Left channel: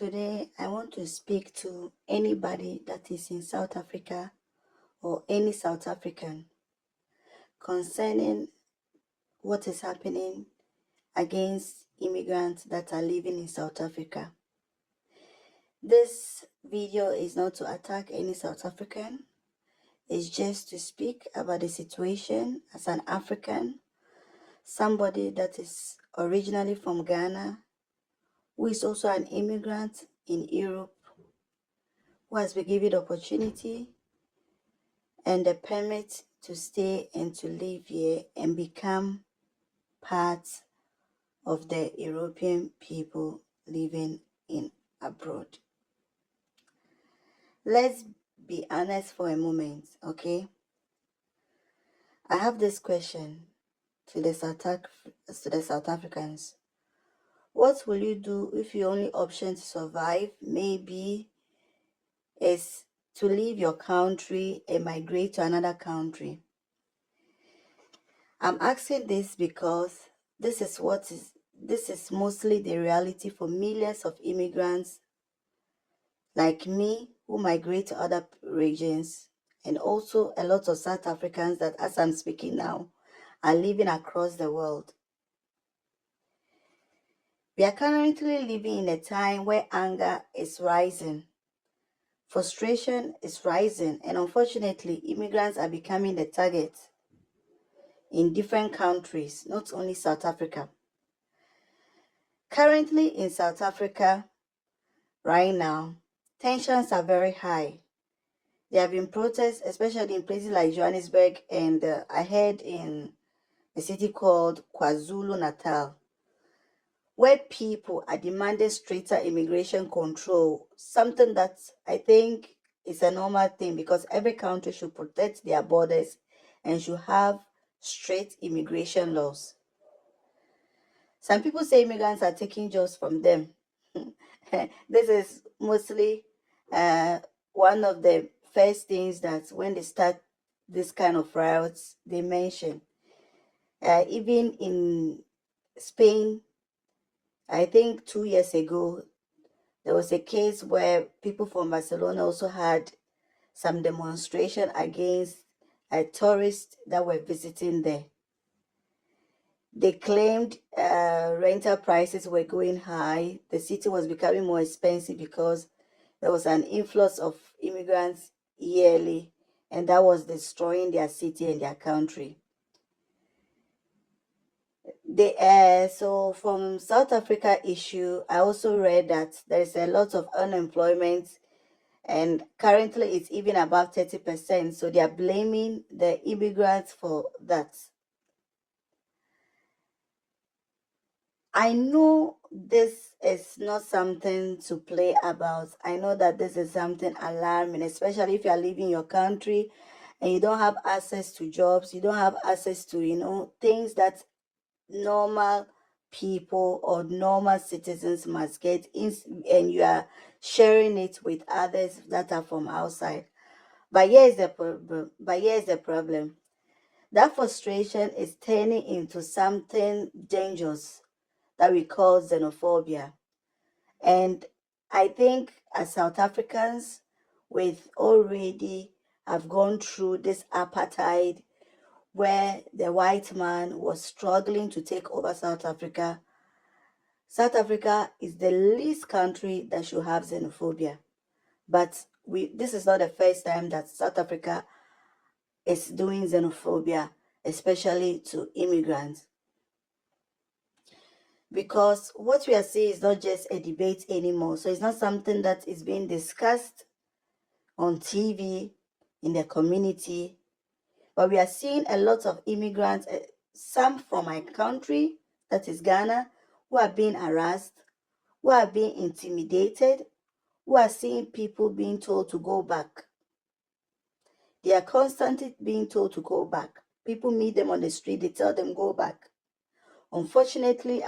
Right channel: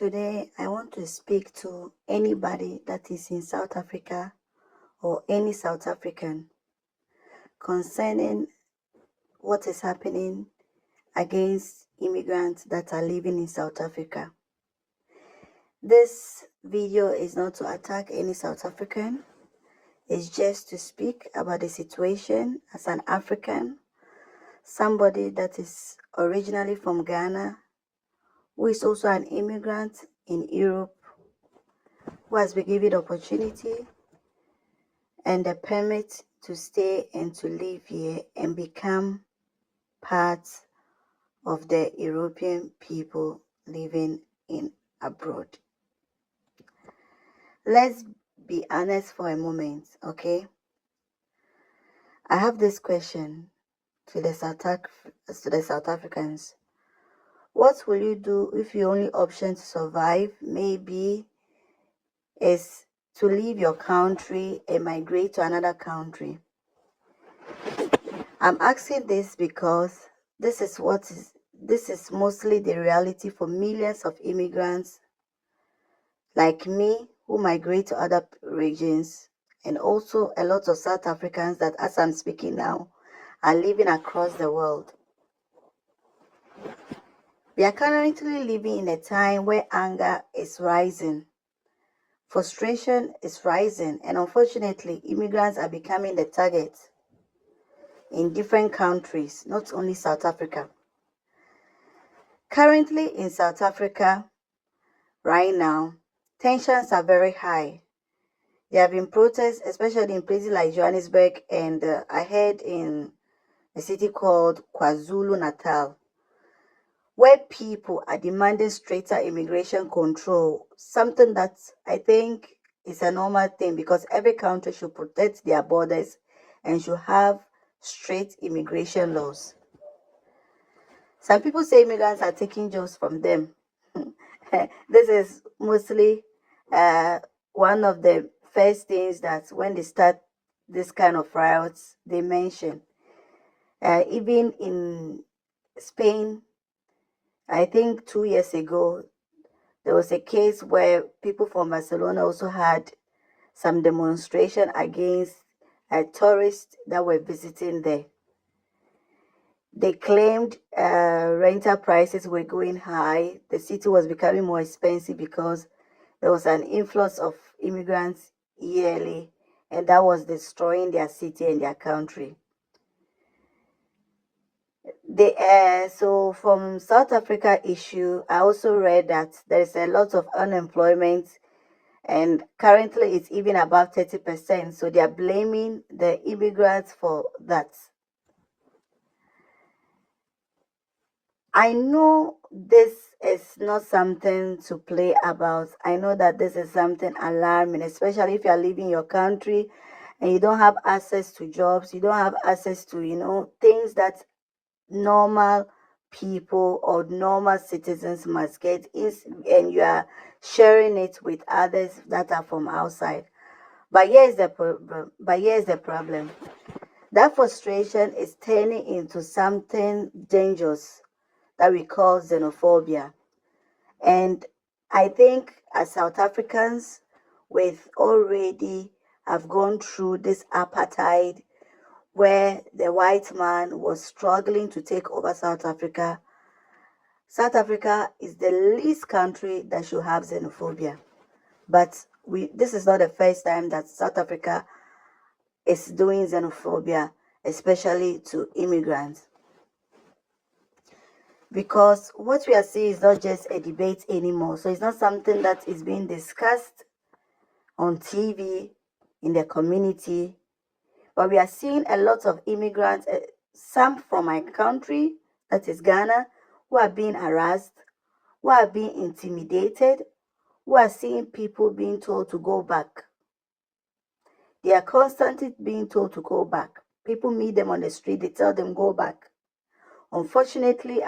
Today, I want to speak to anybody that is in South Africa or any South African concerning what is happening against immigrants that are living in South Africa. This video is not to attack any South African, it's just to speak about the situation as an African, somebody that is originally from Ghana, who is also an immigrant in Europe, who has been given the opportunity and the permit to stay and to live here and become part of the European people living in abroad. Let's be honest for a moment, okay? I have this question to the South Africans. What will you do if your only option to survive maybe is to leave your country and migrate to another country? I'm asking this because this is mostly the reality for millions of immigrants like me who migrate to other regions, and also a lot of South Africans that, as I'm speaking now, are living across the world. We are currently living in a time where anger is rising, frustration is rising, and unfortunately, immigrants are becoming the target in different countries, not only South Africa. Currently in South Africa, right now, tensions are very high. There have been protests, especially in places like Johannesburg, and I heard in a city called KwaZulu-Natal, where people are demanding straighter immigration control, something that I think is a normal thing because every country should protect their borders and should have straight immigration laws. Some people say immigrants are taking jobs from them. This is mostly one of the first things that when they start this kind of riots, they mention. Even in Spain, I think 2 years ago, there was a case where people from Barcelona also had some demonstration against tourists that were visiting there. They claimed rental prices were going high. The city was becoming more expensive because there was an influx of immigrants yearly, and that was destroying their city and their country. So from South Africa issue, I also read that there is a lot of unemployment, and currently it's even above 30%. So they are blaming the immigrants for that. I know this is not something to play about. I know that this is something alarming, especially if you are leaving your country and you don't have access to jobs, you don't have access to, things that normal people or normal citizens must get, and you are sharing it with others that are from outside. But here's the problem. That frustration is turning into something dangerous that we call xenophobia. And I think as South Africans, we've already have gone through this apartheid where the white man was struggling to take over South Africa. South Africa is the least country that should have xenophobia. But this is not the first time that South Africa is doing xenophobia, especially to immigrants. Because what we are seeing is not just a debate anymore. So it's not something that is being discussed on TV, in the community. But we are seeing a lot of immigrants, some from my country, that is Ghana, who are being harassed, who are being intimidated, who are seeing people being told to go back. They are constantly being told to go back. People meet them on the street, they tell them go back. Unfortunately,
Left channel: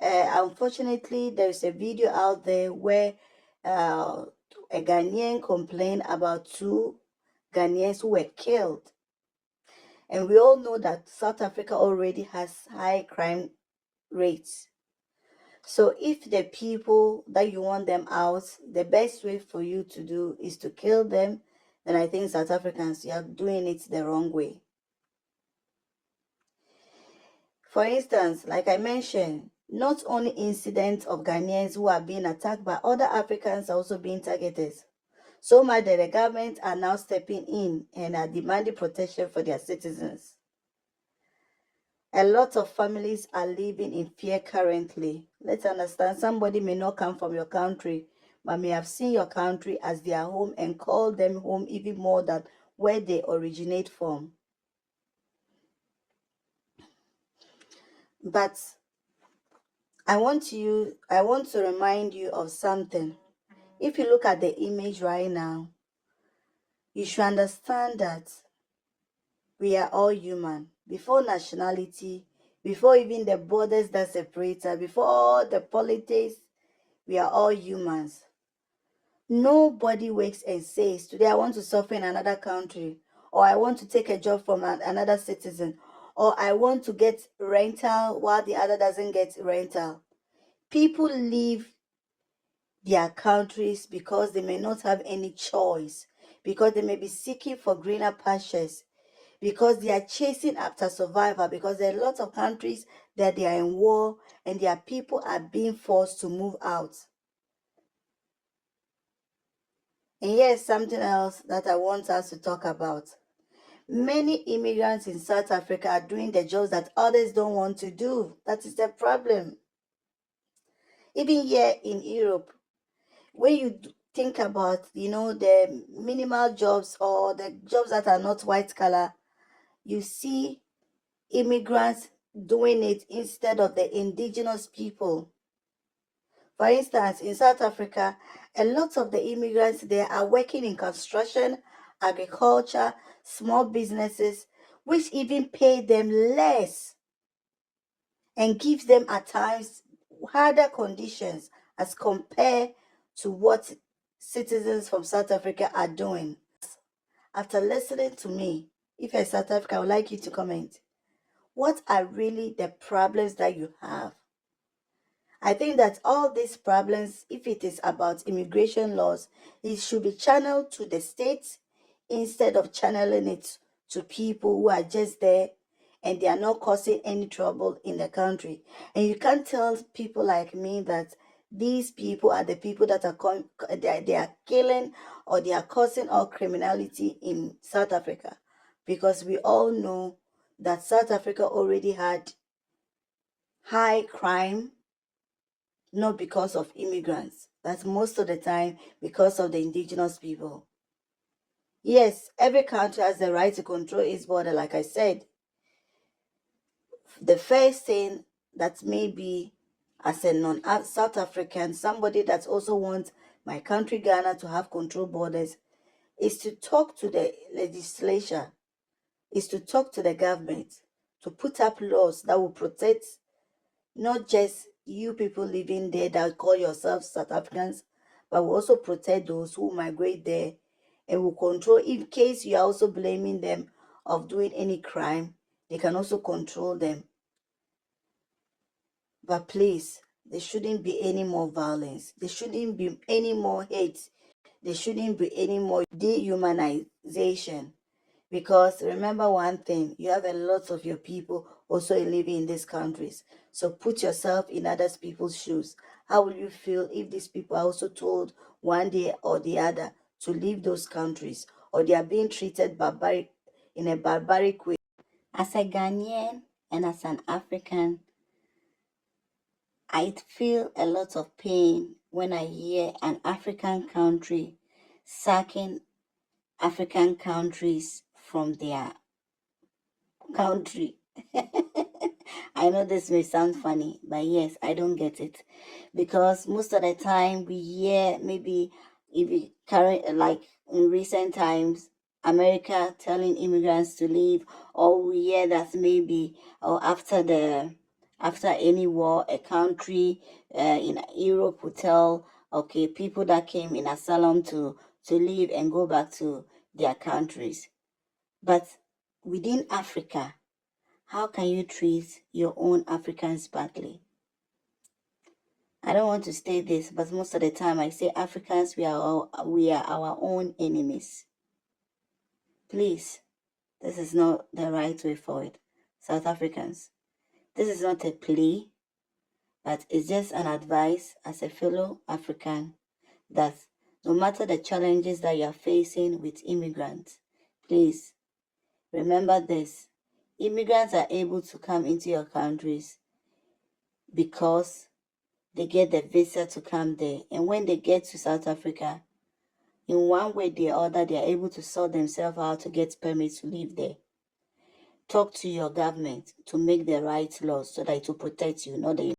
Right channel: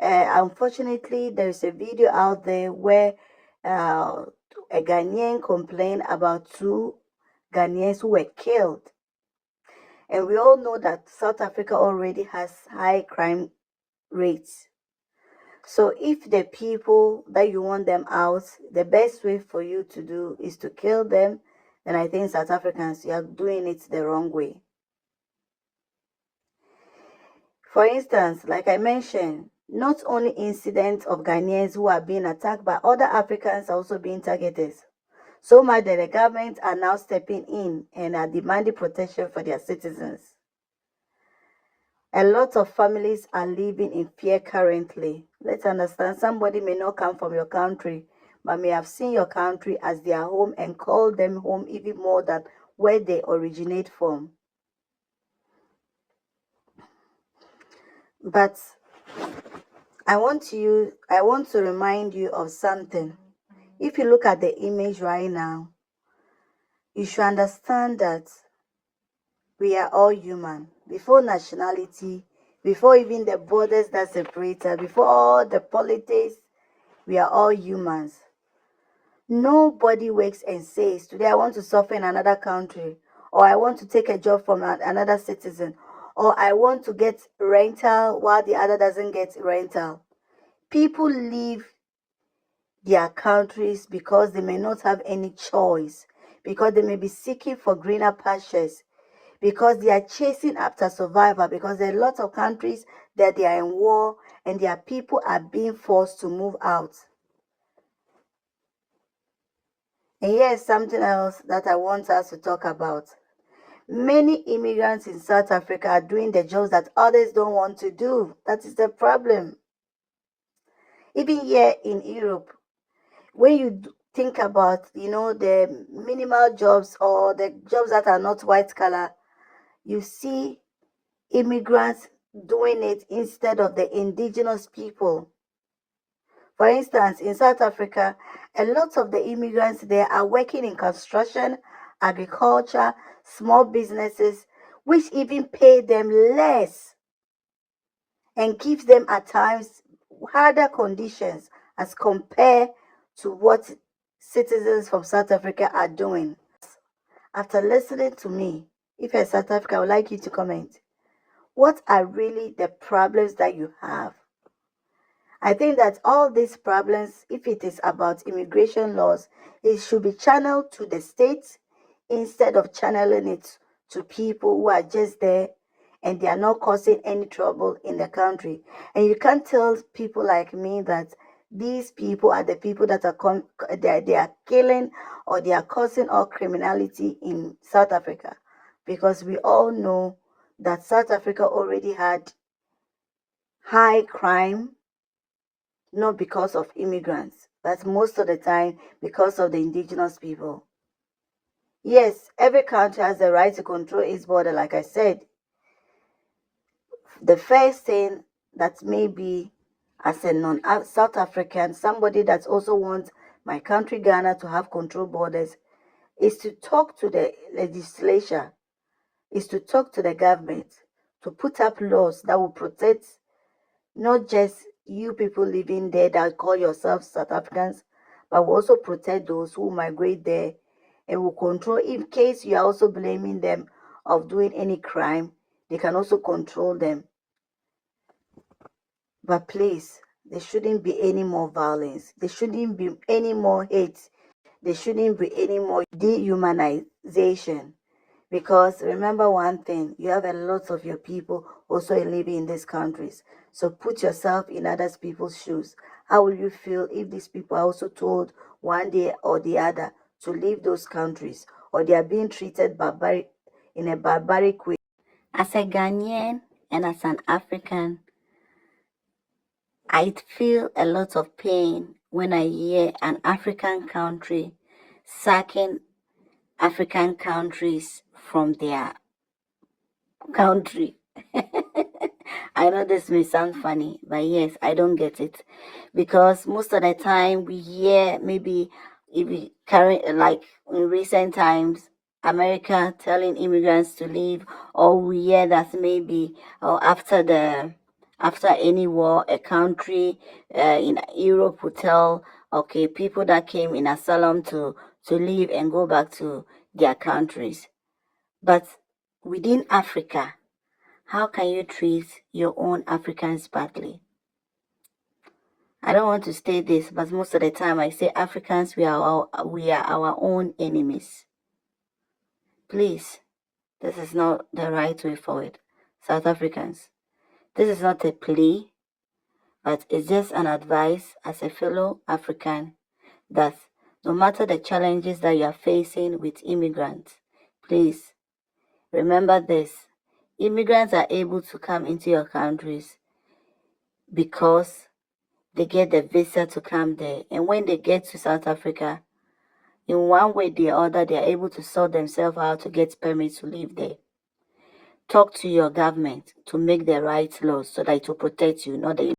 unfortunately, there is a video out there where a Ghanaian complained about 2 Ghanaians who were killed. And we all know that South Africa already has high crime rates. So if the people that you want them out, the best way for you to do is to kill them, then I think South Africans, you are doing it the wrong way. For instance, like I mentioned, not only incidents of Ghanaians who are being attacked, but other Africans are also being targeted. So much that the government are now stepping in and are demanding protection for their citizens. A lot of families are living in fear currently. Let's understand, somebody may not come from your country, but may have seen your country as their home and call them home even more than where they originate from. But I want to remind you of something. If you look at the image right now, you should understand that we are all human. Before nationality, before even the borders that separate us, before all the politics, we are all humans. Nobody wakes and says, today I want to suffer in another country, or I want to take a job from another citizen, or I want to get rental while the other doesn't get rental. People leave their countries because they may not have any choice, because they may be seeking for greener pastures, because they are chasing after survival, because there are a lot of countries that they are in war and their people are being forced to move out. And here's something else that I want us to talk about. Many immigrants in South Africa are doing the jobs that others don't want to do. That is the problem. Even here in Europe, when you think about, the minimal jobs or the jobs that are not white collar, you see immigrants doing it instead of the indigenous people. For instance, in South Africa, a lot of the immigrants there are working in construction, agriculture, small businesses, which even pay them less and gives them at times harder conditions as compared to what citizens from South Africa are doing. After listening to me, if you're South Africa, I would like you to comment. What are really the problems that you have? I think that all these problems, if it is about immigration laws, it should be channeled to the states instead of channeling it to people who are just there and they are not causing any trouble in the country. And you can't tell people like me that these people are the people that are they are killing or they are causing all criminality in South Africa, because we all know that South Africa already had high crime, not because of immigrants, but most of the time because of the indigenous people. Yes, every country has the right to control its border, like I said. The first thing that maybe as a non-South African, somebody that also wants my country, Ghana, to have control borders, is to talk to the legislature, is to talk to the government, to put up laws that will protect not just you people living there that call yourselves South Africans, but will also protect those who migrate there and will control, in case you are also blaming them of doing any crime, they can also control them. But please, there shouldn't be any more violence. There shouldn't be any more hate. There shouldn't be any more dehumanization. Because remember one thing, you have a lot of your people also living in these countries. So put yourself in other people's shoes. How will you feel if these people are also told one day or the other to leave those countries, or they are being treated in a barbaric way? As a Ghanaian and as an African, I feel a lot of pain when I hear an African country sacking African countries from their country. I know this may sound funny, but yes, I don't get it. Because most of the time we hear, maybe if we carry, like in recent times, America telling immigrants to leave, or we hear that maybe, or after any war, a country in Europe will tell, okay, people that came in asylum to leave and go back to their countries. But within Africa, how can you treat your own Africans badly? I don't want to state this, but most of the time I say Africans, we are our own enemies. Please, this is not the right way forward. South Africans, this is not a plea, but it's just an advice as a fellow African that no matter the challenges that you are facing with immigrants, please remember this. Immigrants are able to come into your countries because they get the visa to come there. And when they get to South Africa, in one way or the other, they are able to sort themselves out to get permits to live there. Talk to your government to make the right laws so that it will protect you, not the